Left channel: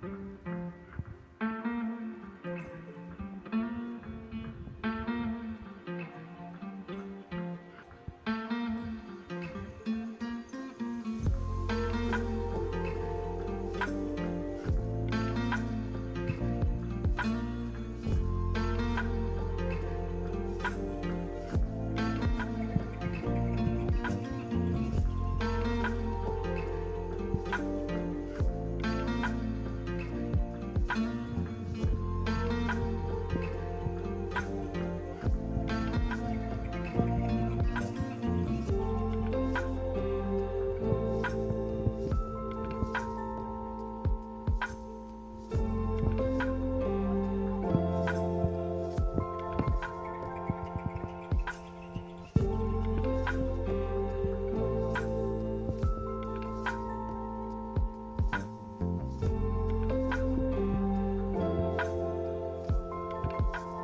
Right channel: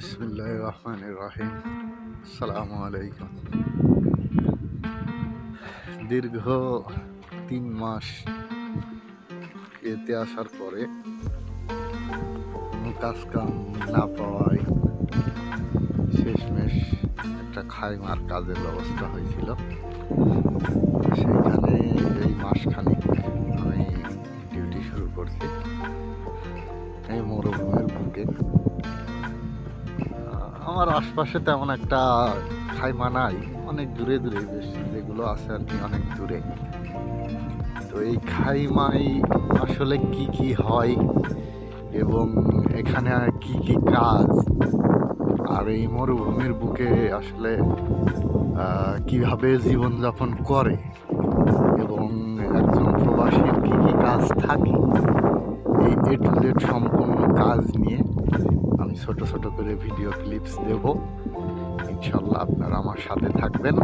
বিসমিল্লাহির রহমানির রহিম। আসসালামু আলাইকুম। দীর্ঘ 3 মাস এতে আসার পরে কোনো কাজ কাম না পাওয়ায় শেষমেশ একটা খাইমার কাজের ব্যবস্থা হয়েছিল। সেইখানে এই মাসখানেক আমি ডিউটি শুরু করছি এই মরুভূমির বুকে। আমার আশপাশে তেমন একটা খাইমা নাই, অনেক দূরে দূরে যেগুলো আছে আর কি, অনেক দূরে। তো এই খাইমাই আসলে কি কি হয় এবং এখানে কি কি কাজ, আর এই মরুভূমির বুকে আসলে কিভাবে জীবনযাপন করে এবং একজন প্রবাসীর কি কি কাজ থাকে, এই এ টু জেড সম্পূর্ণ কাজ নিয়ে আমি ছোট ছোট করে ভিডিও ক্লিপস দেব। ইনশাল্লাহ আপনারা আমার সাথে থাকবেন।